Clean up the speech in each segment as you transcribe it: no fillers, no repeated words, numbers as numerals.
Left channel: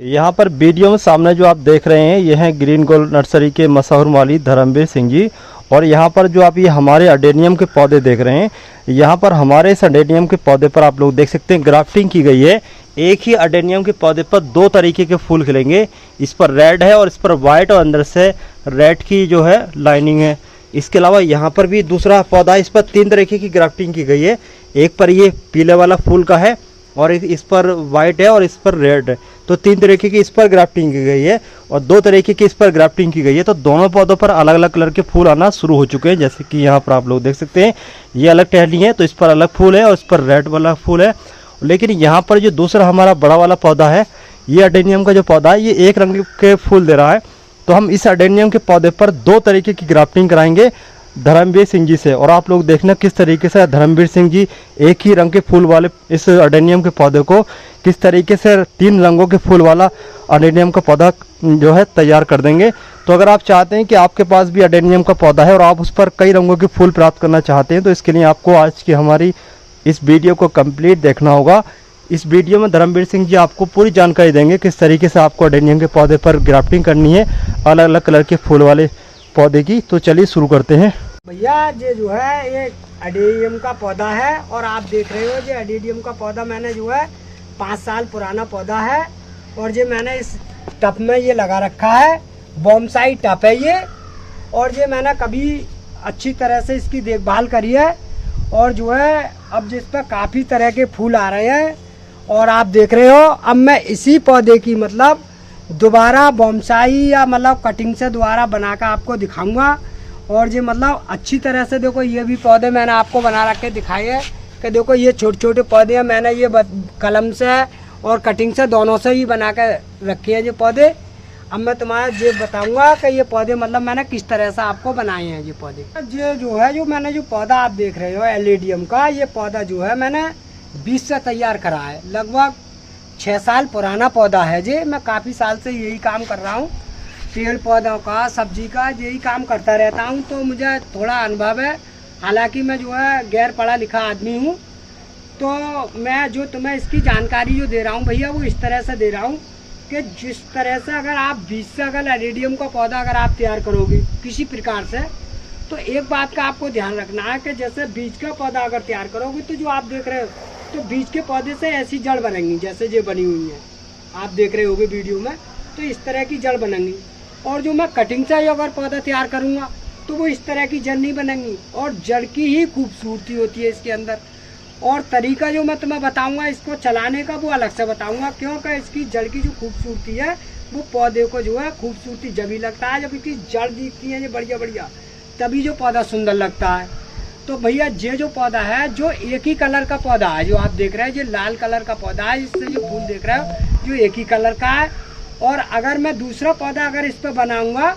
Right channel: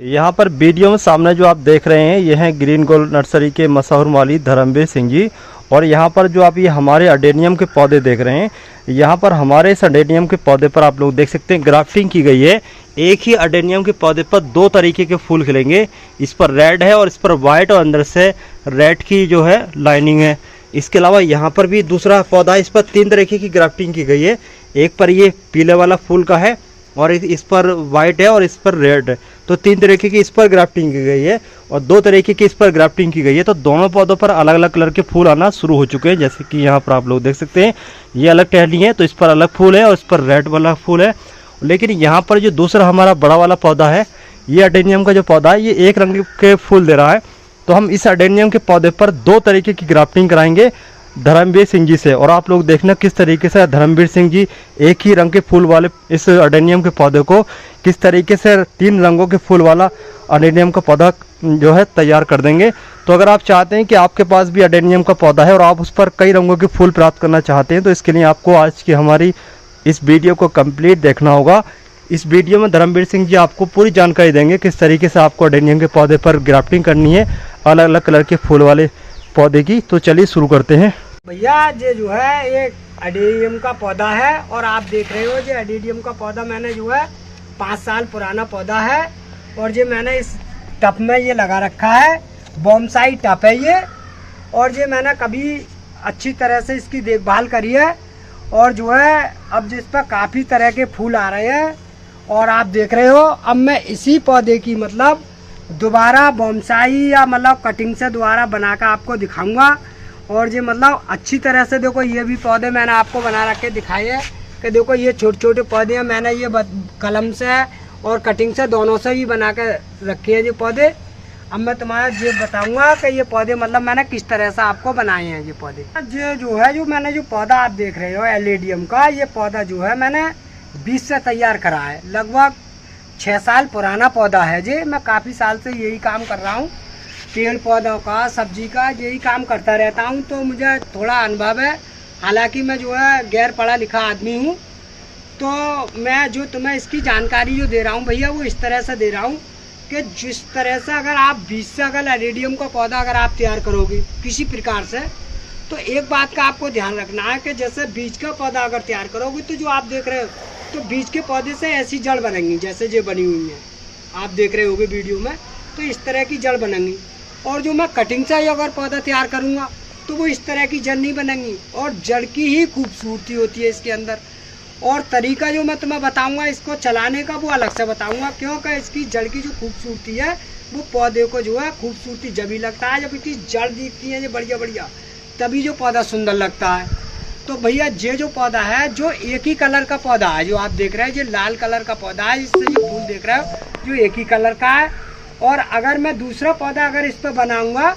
यहाँ पर वीडियो में सामने जो आप देख रहे हैं ये हैं ग्रीन गोल्ड नर्सरी के मशहूर माली धर्मवीर सिंह जी। और यहाँ पर जो आप ये हमारे अडेनियम के पौधे देख रहे हैं, यहाँ पर हमारे इस अडेनियम के पौधे पर आप लोग देख सकते हैं ग्राफ्टिंग की गई है। एक ही अडेनियम के पौधे पर दो तरीके के फूल खिलेंगे। इस पर रेड है और इस पर वाइट और अंदर से रेड की जो है लाइनिंग है। इसके अलावा यहाँ पर भी दूसरा पौधा, इस पर तीन तरीके की ग्राफ्टिंग की गई है। एक पर ये पीले वाला फूल का है और इस पर वाइट है और इस पर रेड है। तो तीन तरीके की इस पर ग्राफ्टिंग की गई है और दो तरीके की इस पर ग्राफ्टिंग की गई है। तो दोनों पौधों पर अलग अलग कलर के फूल आना शुरू हो चुके हैं। जैसे कि यहाँ पर आप लोग देख सकते हैं ये अलग टहनी है तो इस पर अलग फूल है और इस पर रेड वाला फूल है। लेकिन यहाँ पर जो दूसरा हमारा बड़ा वाला पौधा है, ये अडेनियम का जो पौधा है, ये एक रंग के फूल दे रहा है। तो हम इस अडेनियम के पौधे पर दो तरीके की ग्राफ्टिंग कराएंगे धर्मवीर सिंह जी से। और आप लोग देखना किस तरीके से धर्मवीर सिंह जी एक ही रंग के फूल वाले इस अडेनियम के पौधे को किस तरीके से तीन रंगों के फूल वाला अडेनियम का पौधा जो है तैयार कर देंगे। तो अगर आप चाहते हैं कि आपके पास भी अडेनियम का पौधा है और आप उस पर कई रंगों के फूल प्राप्त करना चाहते हैं, तो इसके लिए आपको आज की हमारी इस वीडियो को कंप्लीट देखना होगा। इस वीडियो में धर्मवीर सिंह जी आपको पूरी जानकारी देंगे किस तरीके से आपको अडेनियम के पौधे पर ग्राफ्टिंग करनी है अलग अलग कलर के फूल वाले पौधे की। तो चलिए शुरू करते हैं। भैया ये जो है एक अडेनियम का पौधा है और आप देख रहे हो ये अडेनियम का पौधा मैंने जो है 5 साल पुराना पौधा है और ये मैंने इस टब में ये लगा रखा है। बोनसाई टब है ये और ये मैंने कभी अच्छी तरह से इसकी देखभाल करी है और जो है अब जिस पर काफ़ी तरह के फूल आ रहे हैं और आप देख रहे हो। अब मैं इसी पौधे की मतलब दोबारा बोनसाई या मतलब कटिंग से दोबारा बनाकर आपको दिखाऊंगा। और ये मतलब अच्छी तरह से देखो, ये भी पौधे मैंने आपको बना रखे दिखाए हैं कि देखो ये छोटे छोटे पौधे हैं। मैंने ये कलम से और कटिंग से दोनों से ही बना कर रखे हैं ये पौधे। अब मैं तुम्हारा ये बताऊंगा कि ये पौधे मतलब मैंने किस तरह से आपको बनाए हैं ये पौधे। ये जो है जो मैंने जो पौधा आप देख रहे हो एलेडियम का, ये पौधा जो है मैंने बीज से तैयार करा है। लगभग 6 साल पुराना पौधा है ये। मैं काफ़ी साल से यही काम कर रहा हूँ, पेड़ पौधों का सब्जी का यही काम करता रहता हूँ। तो मुझे थोड़ा अनुभव है, हालांकि मैं जो है गैर पढ़ा लिखा आदमी हूँ। तो मैं जो तुम्हें इसकी जानकारी जो दे रहा हूँ भैया वो इस तरह से दे रहा हूँ कि जिस तरह से अगर आप बीज से अगर एलेडियम का पौधा अगर आप तैयार करोगे किसी प्रकार से, तो एक बात का आपको ध्यान रखना है कि जैसे बीज का पौधा अगर तैयार करोगे तो जो आप देख रहे हो तो बीज के पौधे से ऐसी जड़ बनेंगी जैसे ये बनी हुई है, आप देख रहे होगे वीडियो में। तो इस तरह की जड़ बनेंगी। और जो मैं कटिंग से अगर पौधा तैयार करूँगा तो वो इस तरह की जड़ नहीं बनेंगी और जड़ की ही खूबसूरती होती है इसके अंदर। और तरीका जो मैं तुम्हें बताऊंगा इसको चलाने का वो अलग से बताऊंगा, क्योंकि इसकी जड़ की जो खूबसूरती है वो पौधे को जो है खूबसूरती जब ही लगता है जब इसकी जड़ दिखती है ये बढ़िया बढ़िया, तभी जो पौधा सुंदर लगता है। तो भैया ये जो पौधा है जो एक ही कलर का पौधा है, जो आप देख रहे हैं ये लाल कलर का पौधा है, इससे जो फूल देख रहे हो जो एक ही कलर का है। और अगर मैं दूसरा पौधा अगर इस पर बनाऊंगा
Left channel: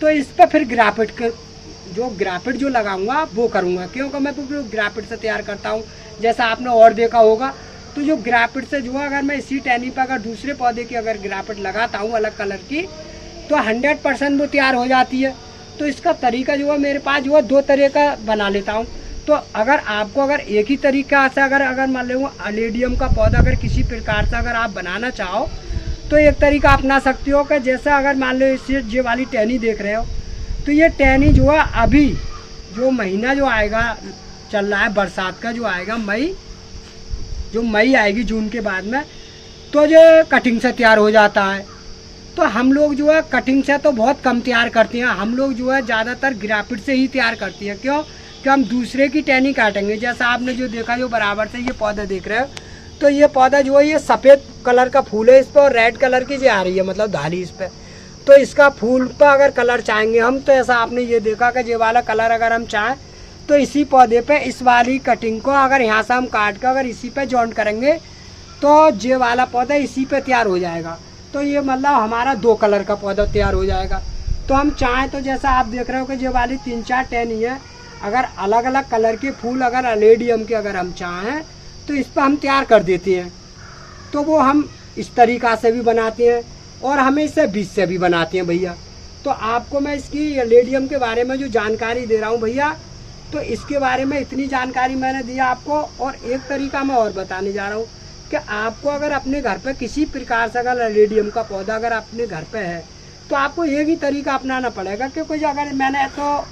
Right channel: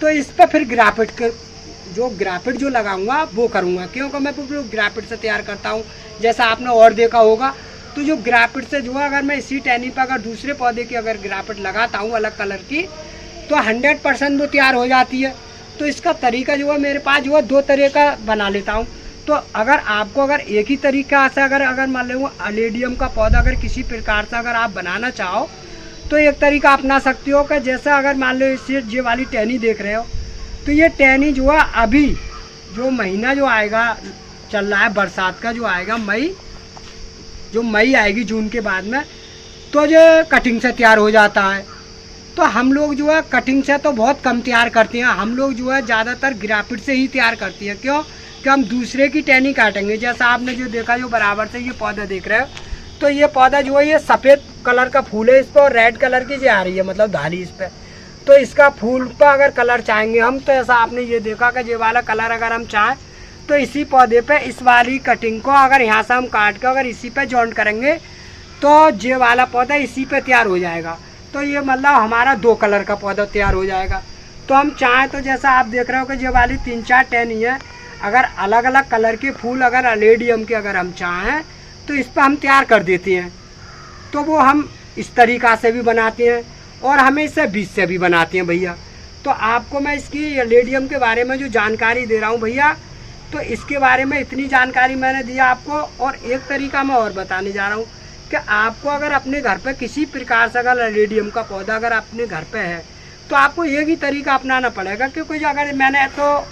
तो इस पर फिर ग्राफिट जो लगाऊंगा वो करूंगा, क्योंकि मैं तो ग्राफिट से तैयार करता हूँ जैसा आपने और देखा होगा। तो जो ग्राफिट से जो है अगर मैं इसी टहनी पर अगर दूसरे पौधे की अगर ग्राफिट लगाता हूँ अलग कलर की तो 100% वो तैयार हो जाती है। तो इसका तरीका जो है मेरे पास जो है 2 तरह का बना लेता हूँ। तो अगर आपको अगर एक ही तरीका से अगर मान लो एलेडियम का पौधा अगर किसी प्रकार से अगर आप बनाना चाहो तो एक तरीका अपना सकते हो कि जैसे अगर मान लो इस ये वाली टहनी देख रहे हो तो ये टहनी जो है अभी जो महीना जो आएगा चल रहा है बरसात का जो आएगा मई आएगी जून के बाद में, तो ये कटिंग से तैयार हो जाता है। तो हम लोग जो है कटिंग से तो बहुत कम तैयार करते हैं, हम लोग जो है ज़्यादातर ग्राफिट से ही तैयार करती है। क्यों कि हम दूसरे की टहनी काटेंगे। जैसा आपने जो देखा जो बराबर से ये पौधा देख रहे हो तो ये पौधा जो है ये सफ़ेद कलर का फूल है इस पर और रेड कलर की जो आ रही है मतलब धारी इस पर। तो इसका फूल पर अगर कलर चाहेंगे हम तो ऐसा आपने ये देखा कि ये वाला कलर अगर हम चाहें तो इसी पौधे पे इस वाली कटिंग को अगर यहाँ से हम काट कर अगर इसी पे जॉइंट करेंगे तो ये वाला पौधा इसी पे तैयार हो जाएगा। तो ये मतलब हमारा 2 कलर का पौधा तैयार हो जाएगा। तो हम चाहें तो जैसा आप देख रहे हो कि ये वाली 3-4 टहनी है, अगर अलग अलग कलर के फूल अगर एलेडियम के अगर हम चाहें तो इस पर हम तैयार कर देते हैं। तो वो हम इस तरीका से भी बनाते हैं और हमें इससे बीज से भी बनाते हैं भैया। तो आपको मैं इसकी एलेडियम के बारे में जो जानकारी दे रहा हूँ भैया, तो इसके बारे में इतनी जानकारी मैंने दिया आपको। और एक तरीका मैं और बताने जा रहा हूँ कि आपको अगर अपने घर पे किसी प्रकार से अगर एलेडियम का पौधा अगर अपने घर पे है तो आपको एक ही तरीका अपनाना पड़ेगा, क्योंकि जो अगर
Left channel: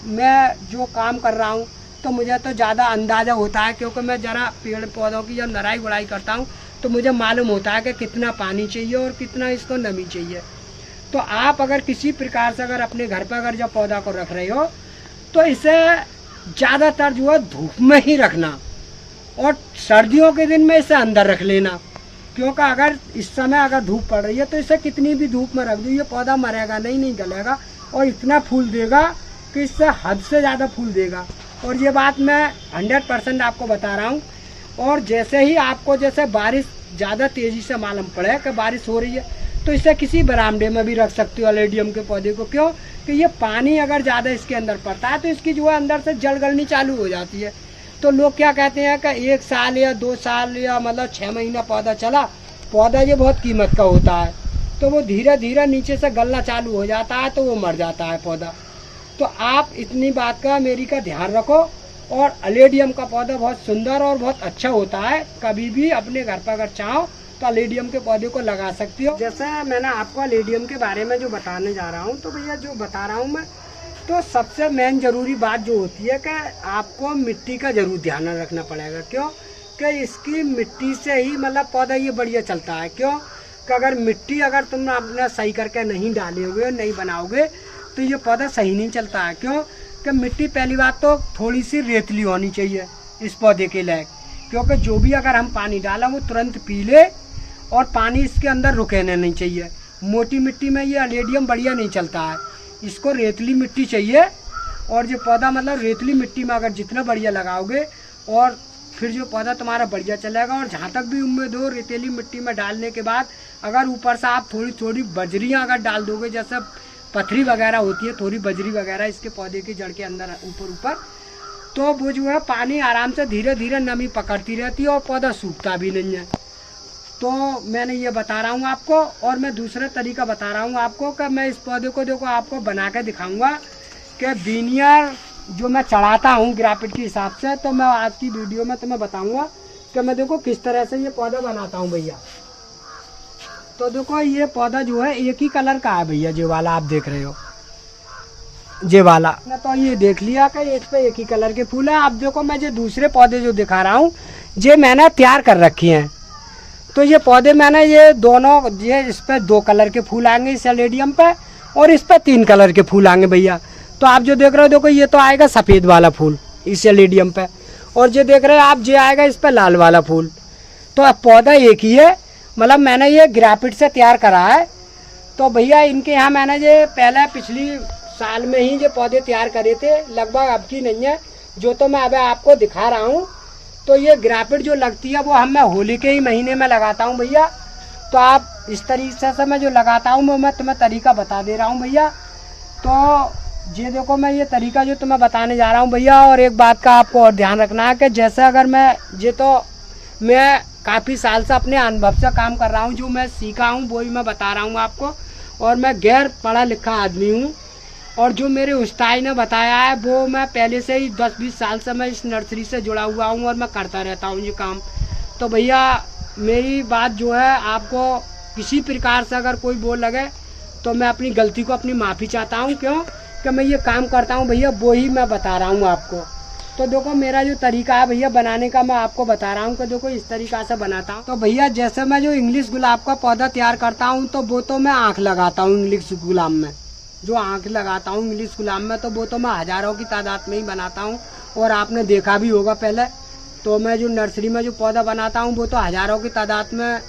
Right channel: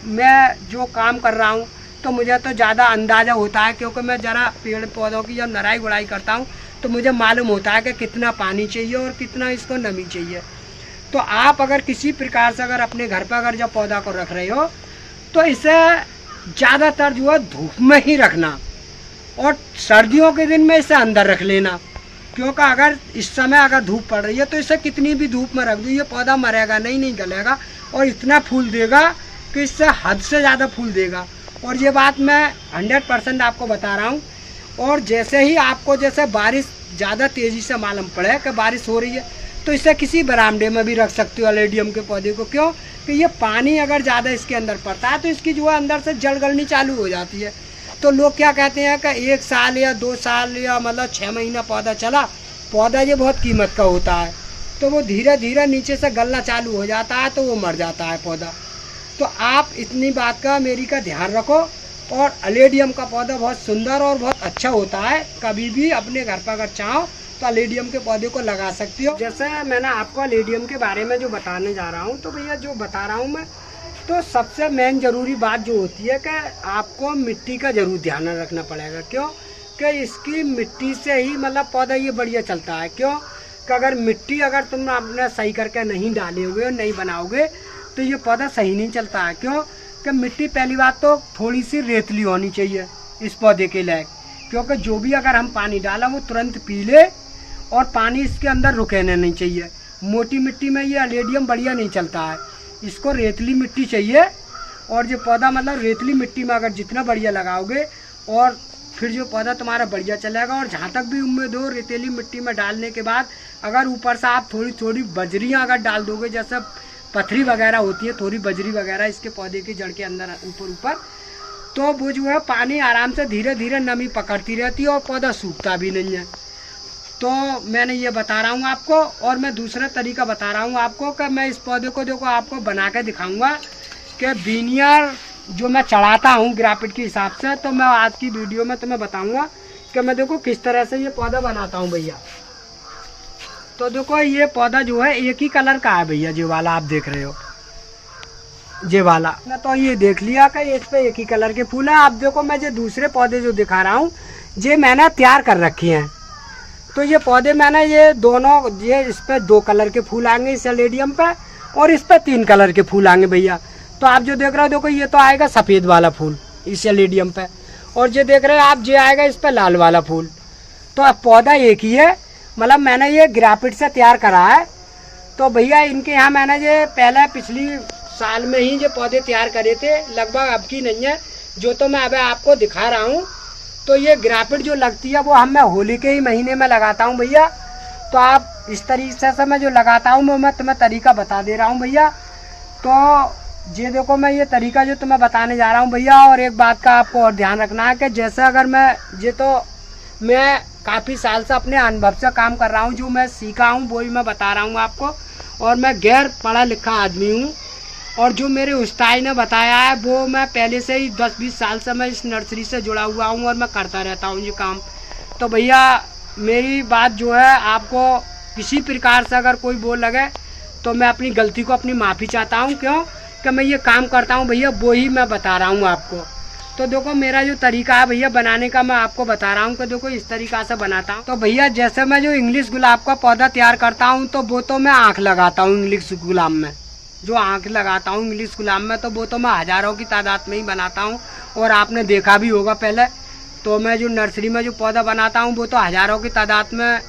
मैं जो काम कर रहा हूँ तो मुझे तो ज़्यादा अंदाज़ा होता है, क्योंकि मैं ज़रा पेड़ पौधों की जब नराई गुड़ाई करता हूँ तो मुझे मालूम होता है कि कितना पानी चाहिए और कितना इसको नमी चाहिए। तो आप अगर किसी प्रकार से अगर अपने घर पर अगर जब पौधा को रख रहे हो तो इसे ज़्यादातर जो है धूप में ही रखना, और सर्दियों के दिन में इसे अंदर रख लेना, क्योंकि अगर इस समय अगर धूप पड़ रही है तो इसे कितनी भी धूप में रख दो ये पौधा मरेगा नहीं गलेगा, और इतना फूल देगा कि इससे हद से ज़्यादा फूल देगा। और ये बात मैं 100% आपको बता रहा हूँ। और जैसे ही आपको जैसे बारिश ज़्यादा तेज़ी से मालूम पड़े कि बारिश हो रही है तो इसे किसी बरामदे में भी रख सकते हो एलेडियम के पौधे को। क्यों कि ये पानी अगर ज़्यादा इसके अंदर पड़ता है तो इसकी जो है अंदर से जड़ गलनी चालू हो जाती है। तो लोग क्या कहते हैं कि 1 साल या 2 साल या मतलब 6 महीना पौधा चला, पौधा ये बहुत कीमत का होता है, तो वो धीरे धीरे नीचे से गलना चालू हो जाता है तो वो मर जाता है पौधा। तो आप इतनी बात का मेरी का ध्यान रखो। और एलेडियम का पौधा बहुत सुंदर और बहुत अच्छा होता है, कभी भी अपने घर पर अगर चाहो तो एलेडियम के पौधे को लगा सकती हो। जैसे मैंने आपको एलेडियम के बारे में जो बताने जा रहा हूँ, तो भैया जो बता रहा हूँ मैं, तो सबसे मेन जरूरी बात जो होती है कि आपको मिट्टी का जरूर ध्यान रखना पड़ेगा। क्यों कि इसकी मिट्टी से ही मतलब पौधा ये बढ़िया चलता है। क्यों कि अगर मिट्टी अगर तुम अपने सही करके नहीं डालोगे नहीं बनाओगे तो ये पौधा सही नहीं चलता है। क्यों कि मिट्टी पहली बात तो थोड़ी सी रेतली होनी चाहिए इस पौधे के लायक, क्योंकि जो भी अगर हम पानी डाला वो तुरंत पी ले और पानी इसके अंदर रुकेने नहीं चाहिए। मोटी मिट्टी में ये एलेडियम बढ़िया नहीं चलता है, इसको रेतली मिट्टी चाहिए। और जो पौधा मतलब रेतली मिट्टी में अगर जितना बढ़िया लगाओगे और फिर जो पौधा तुम्हारा बढ़िया चलेगा। और जहाँ तक भी उम्मीद हो रेतीली मिट्टी में डालने के बाद अगर ऊपर से आप थोड़ी थोड़ी बजरियाँ अगर डाल दोगे, जैसे पथरी वगैरह होती है थोड़ी बजरी वगैरह इसके पौधे की जड़ के अंदर ऊपर, तो वो जो है पानी आराम से धीरे धीरे नमी पकड़ती रहती है और पौधा सूखता भी नहीं है। तो मैंने ये बता रहा हूँ आपको। और मैं दूसरा तरीका बता रहा हूँ आपको कि मैं इस पौधे को देखो आपको बना के दिखाऊंगा कि बीनियर जो मैं चढ़ाता हूँ ग्राफिट के हिसाब से, तो मैं आज की वीडियो में तुम्हें बताऊंगा कि मैं देखो किस तरह से ये पौधा बनाता हूँ भैया। तो देखो ये पौधा जो है एक ही कलर का है भैया, जो वाला आप देख रहे हो ये वाला ना, तो ये देख लिया कि इस पे एक ही कलर के फूल है। आप देखो मैं जो दूसरे पौधे जो दिखा रहा हूँ ये मैंने तैयार कर रखे हैं। तो ये पौधे मैंने ये दोनों ये इस पे 2 कलर के फूल आएंगे इस एलेडियम पे, और इस पे 3 कलर के फूल आएंगे भैया। तो आप जो देख रहे हो देखो ये तो आएगा सफेद वाला फूल इस एलेडियम पे, और जो देख रहे हो आप ये आएगा इस पे लाल वाला फूल। तो अब पौधा एक ही है, मतलब मैंने ये ग्राफिट से तैयार करा है। तो भैया इनके यहाँ मैंने ये पहले पिछली साल में ही ये पौधे तैयार करे थे, लगभग अब की नहीं है जो तो मैं अब आपको दिखा रहा हूँ। तो ये ग्राफिट जो लगती है वो मैं होली के ही महीने में लगाता हूँ भैया। तो आप इस तरीके से मैं जो लगाता हूँ वो मैं तुम्हें तरीका बता दे रहा हूँ भैया। तो ये देखो मैं ये तरीका जो तुम्हें बताने जा रहा हूँ भैया। और एक बात का आपको और ध्यान रखना है कि जैसे अगर मैं काफ़ी साल से अपने अनुभव से काम कर रहा हूँ, जो मैं सीखा हूँ वो ही मैं बता रहा हूँ आपको। और मैं गैर पढ़ा लिखा आदमी हूँ, और जो मेरे उस्ताद ने बताया है वो मैं पहले से ही 10-20 साल से मैं इस नर्सरी से जुड़ा हुआ हूँ और मैं करता रहता हूँ ये काम। तो भैया मेरी बात जो है आपको किसी प्रकार से अगर कोई बोल लगे तो मैं अपनी गलती को अपनी माफ़ी चाहता हूँ। क्यों कि मैं ये काम करता हूँ भैया, वो ही मैं बता रहा हूँ आपको। तो देखो मेरा जो तरीका है भैया बनाने का मैं आपको बता रहा हूँ कि देखो इस तरीका से बनाता हूँ। तो भैया जैसे मैं जो इंग्लिश गुलाब का पौधा तैयार करता हूँ तो वो तो मैं आँख लगाता हूँ इंग्लिश गुलाब में, जो आँख लगाता हूँ इंग्लिश गुलाब में, तो वो तो मैं हज़ारों की तादाद में ही बनाता हूँ। और आपने देखा भी होगा पहले, तो मैं जो नर्सरी में जो पौधा बनाता हूँ वो तो हज़ारों की तादाद में।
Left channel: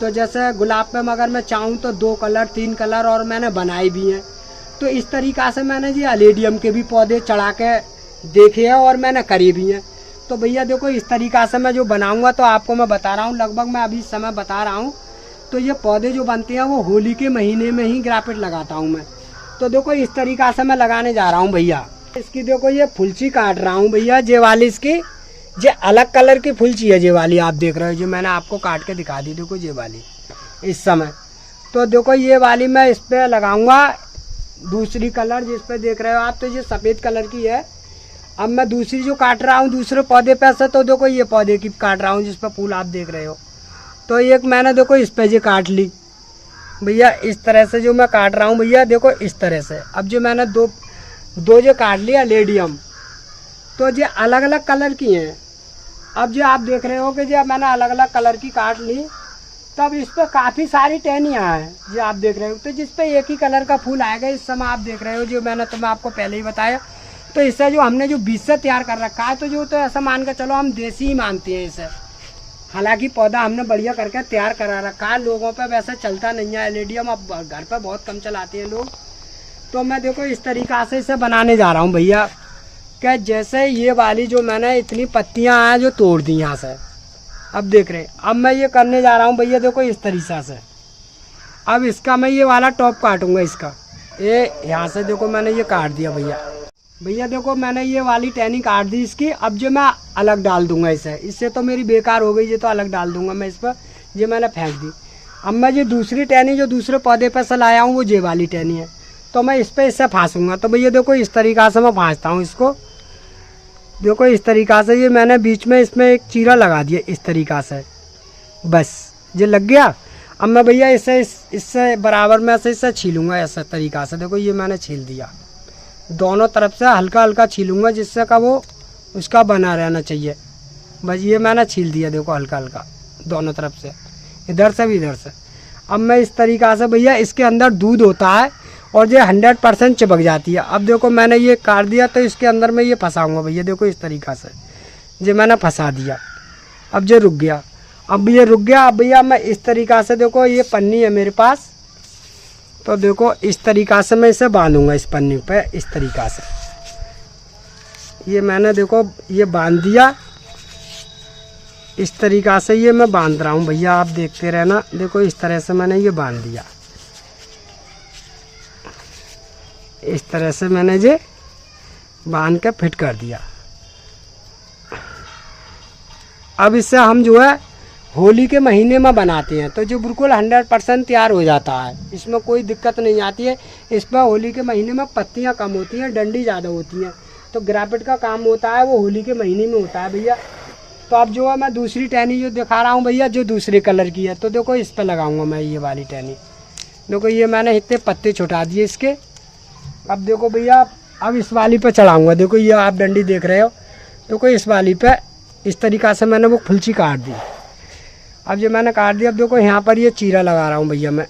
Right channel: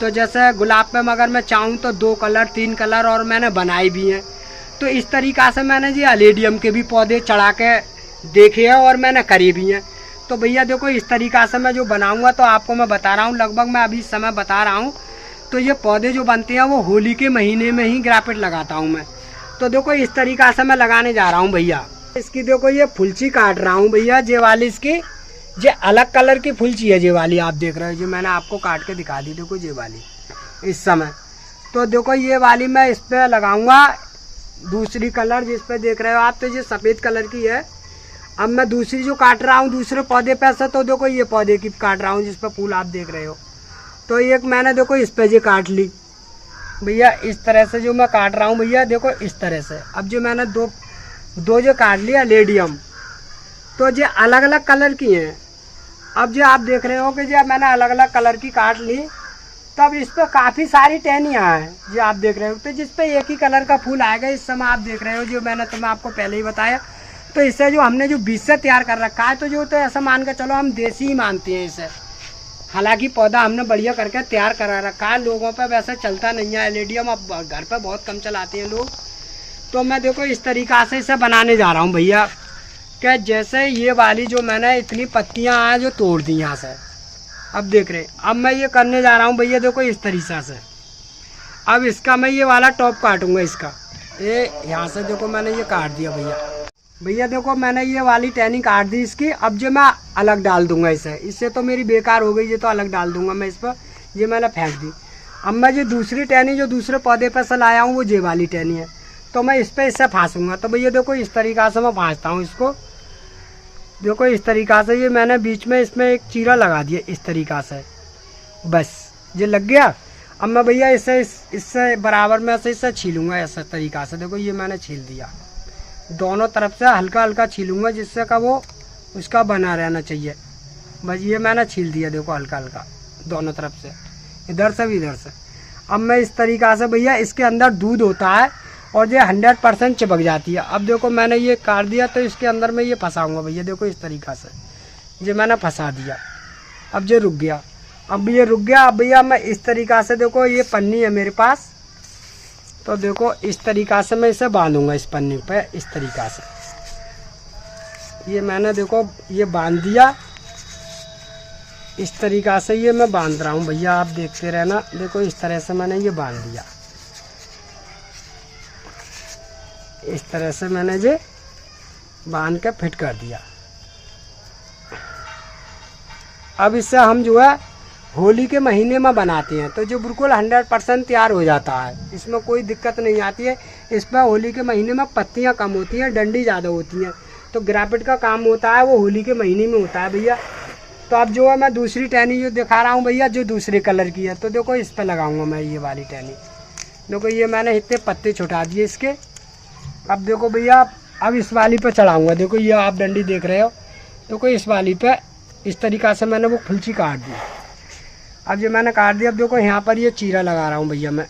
तो जैसे गुलाब पे अगर मैं चाहूँ तो 2 कलर 3 कलर और मैंने बनाए भी हैं। तो इस तरीक़ा से मैंने जी एलेडियम के भी पौधे चढ़ा के देखे हैं और मैंने करे भी हैं। तो भैया देखो इस तरीक़ा से मैं जो बनाऊँगा तो आपको मैं बता रहा हूँ, लगभग मैं अभी समय बता रहा हूँ। तो ये पौधे जो बनते हैं वो होली के महीने में ही ग्राफिट लगाता हूँ मैं। तो देखो इस तरीक़ा से मैं लगाने जा रहा हूँ भैया। इसकी देखो ये फुलची काट रहा हूँ भैया, ये वाली इसकी ये अलग कलर की फुलची है, ये वाली आप देख रहे हो जो मैंने आपको काट के दिखा दी। देखो ये वाली इस समय। तो देखो ये वाली मैं इस पर लगाऊंगा दूसरी कलर जिस पे देख रहे हो आप, तो ये सफ़ेद कलर की है। अब मैं दूसरी जो काट रहा हूँ दूसरे पौधे पे से, तो देखो ये पौधे की काट रहा हूँ जिस पे फूल आप देख रहे हो। तो एक मैंने देखो इस पे जी काट ली भैया, इस तरह से जो मैं काट रहा हूँ भैया देखो इस तरह से। अब जो मैंने दो जो काट लिया लेडियम, तो जो अलग अलग कलर की हैं। अब जो आप देख रहे हो कि जो मैंने अलग अलग कलर की काट ली, तब इस पर काफ़ी सारी टहनियाँ हैं जो आप देख रहे हो। तो जिस पे एक ही कलर का फूल आएगा इस समय आप देख रहे हो, जो मैंने तुम आपको पहले ही बताया। तो इससे जो हमने जो बीज से तैयार कर रखा है, तो जो तो ऐसा मान के चलो हम देसी ही मानते हैं इसे। हालांकि पौधा हमने बढ़िया करके तैयार करा रखा है, लोगों पे वैसे चलता नहीं है एलेडियम, अब घर पे बहुत कम चलाते हैं लोग। तो मैं देखो इस तरीक़ा से इसे बनाने जा रहा हूँ भैया, कि जैसे ये वाली जो मैंने इतनी पत्तियाँ हैं जो तोड़ दी यहाँ से, अब देख रहे हैं। अब मैं ये करने जा रहा हूँ भैया देखो इस तरीक़ा से। अब इसका मैं ये वाला टॉप काटूंगा इसका, ये यहाँ से देखो मैंने ये काट दिया भैया देखो मैंने ये वाली टहनी काट दी इसकी। अब जो मैं अलग डाल दूंगा इससे तो मेरी बेकार हो गई, ये तो अलग डाल दूंगा मैं इस पर, ये मैंने फेंक दी। अब मैं जो दूसरी टहनी जो दूसरे पौधे पर से लाया हूँ वो ये वाली टहनी है, तो मैं इस पर इससे फांसूंगा। तो भैया देखो इस तरीक़ा से मैं फांसता हूँ इसको, देखो इस तरीक़ा से। ये मैंने बीच में इसमें एक चीरा लगा दिया इस तरीक़ा से, बस ये लग गया। अब मैं भैया इससे बराबर में से इससे छीलूँगा ऐसा तरीक़ा से। देखो ये मैंने छील दिया, दोनों तरफ से हल्का हल्का छीलूँगा जिससे का वो उसका बना रहना चाहिए। बस ये मैंने छील दिया देखो हल्का हल्का दोनों तरफ से, इधर से भी इधर से। अब मैं इस तरीक़ा से भैया, इसके अंदर दूध होता है और ये 100% चिपक जाती है। अब देखो मैंने ये काट दिया, तो इसके अंदर मैं ये फंसाऊँगा भैया देखो इस तरीक़ा से। ये मैंने फंसा दिया, अब ये रुक गया। अब ये रुक गया। अब भैया मैं इस तरीक़ा से देखो ये पन्नी है मेरे पास, तो देखो इस तरीक़ा से मैं इसे बांधूंगा इस पन्नी पे इस तरीक़ा से। ये मैंने देखो ये बांध दिया इस तरीक़ा से, ये मैं बांध रहा हूँ भैया, आप देखते रहना। देखो इस तरह से मैंने ये बांध दिया, इस तरह से मैंने ये बांध के फिट कर दिया। अब इससे हम जो है होली के महीने में बनाते हैं, तो जो बिल्कुल 100% तैयार हो जाता है, इसमें कोई दिक्कत नहीं आती है। इसमें होली के महीने में पत्तियां कम होती हैं, डंडी ज़्यादा होती हैं, तो ग्राफिट का काम होता है वो होली के महीने में होता है भैया। तो अब जो है मैं दूसरी टहनी जो दिखा रहा हूँ भैया, जो दूसरे कलर की है, तो देखो इस पर लगाऊंगा मैं ये वाली टहनी। देखो ये मैंने इतने पत्ते छुटा दिए इसके। अब देखो भैया अब इस वाली पे चढ़ाऊँगा, देखो ये आप डंडी देख रहे हो, देखो इस वाली पे इस तरीक़ा से मैंने वो फुलची काट दी। अब ये मैंने काट दिया। अब देखो यहाँ पर ये चीरा लगा रहा हूँ भैया मैं,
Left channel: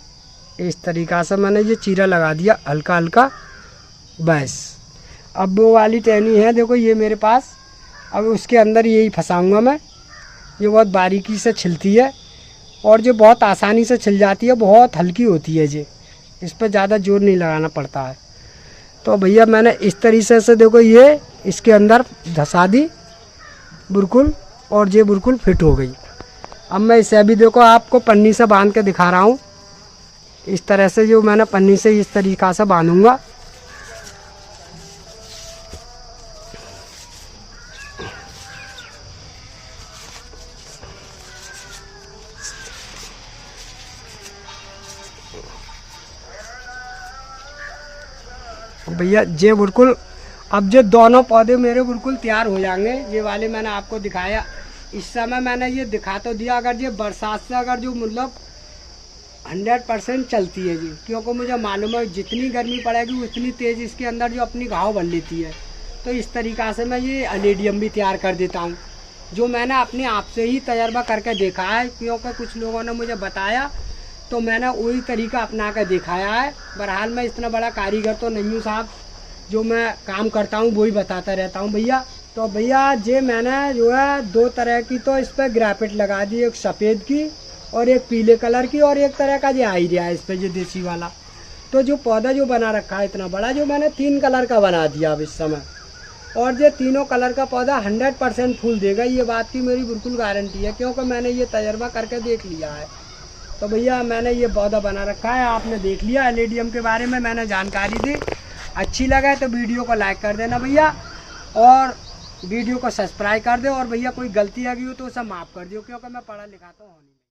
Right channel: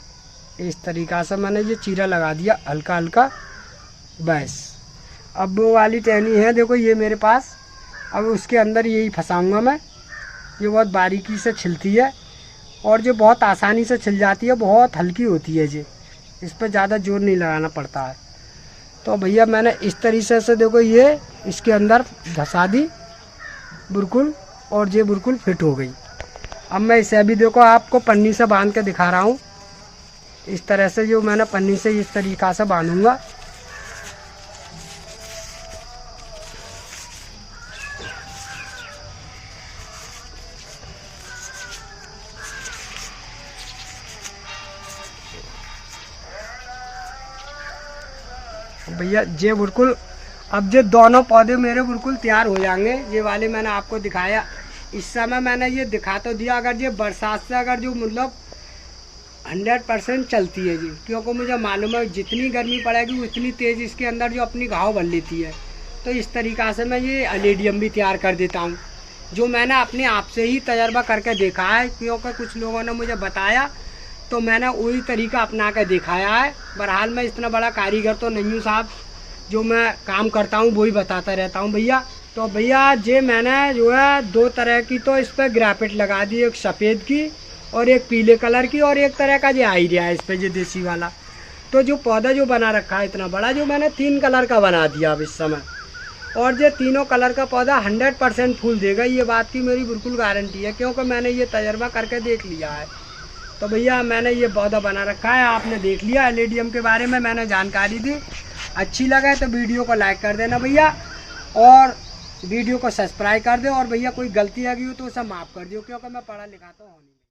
इस तरीक़ा से मैंने ये चीरा लगा दिया हल्का हल्का, बस। अब वो वाली टहनी है देखो ये मेरे पास, अब उसके अंदर यही फंसाऊँगा मैं। ये बहुत बारीकी से छिलती है और जो बहुत आसानी से छिल जाती है, बहुत हल्की होती है ये, इस पर ज़्यादा जोर नहीं लगाना पड़ता है। तो भैया मैंने इस तरीके से देखो ये इसके अंदर धंसा दी बिल्कुल, और ये बिल्कुल फिट हो गई। अब मैं इसे अभी देखो आपको पन्नी से बांध के दिखा रहा हूँ, इस तरह से जो मैंने पन्नी से इस तरीक़ा से बांधूंगा। भैया ये बिल्कुल, अब जो दोनों पौधे मेरे बिल्कुल तैयार हो जाएंगे। ये वाले मैंने आपको दिखाया, इस समय मैंने ये दिखा तो दिया। अगर ये बरसात से अगर जो मतलब 100% चलती है जी, क्योंकि मुझे मालूम है जितनी गर्मी पड़ेगी उतनी तेज़ इसके अंदर जो अपनी घाव भर लेती है। तो इस तरीक़ा से मैं ये एलेडियम भी तैयार कर देता हूँ, जो मैंने अपने आप से ही तजर्बा करके देखा है, क्योंकि कुछ लोगों ने मुझे बताया तो मैंने वही तरीका अपना कर दिखाया है। बहरहाल मैं इतना बड़ा कारीगर तो नहीं हूँ साहब, जो मैं काम करता हूँ वही बताता रहता हूँ भैया। तो भैया ये मैंने जो है 2 तरह की तो इस पर ग्राफिट लगा दी, एक सफ़ेद की और एक पीले कलर की, और एक तरह का जो आइडिया है इस पर, ये देसी वाला। तो जो पौधा जो बना रखा है इतना बड़ा, जो मैंने 3 कलर का बना दिया अब इस समय, और ये तीनों कलर का पौधा 100% फूल देगा, ये बात की मेरी बिल्कुल गारंटी है, क्योंकि मैंने ये तजर्बा करके देख लिया है। तो भैया मैंने ये पौधा बना रखा है, आपने देख लिया एलेडियम के बारे में मैंने जानकारी दी। अच्छी लगा तो वीडियो को लाइक कर देना भैया, और वीडियो को सब्सक्राइब कर दो, और भैया कोई गलती आ गई हो तो उसे माफ़ कर दियो, क्योंकि मैं पढ़ा लिखा तो हूँ नहीं।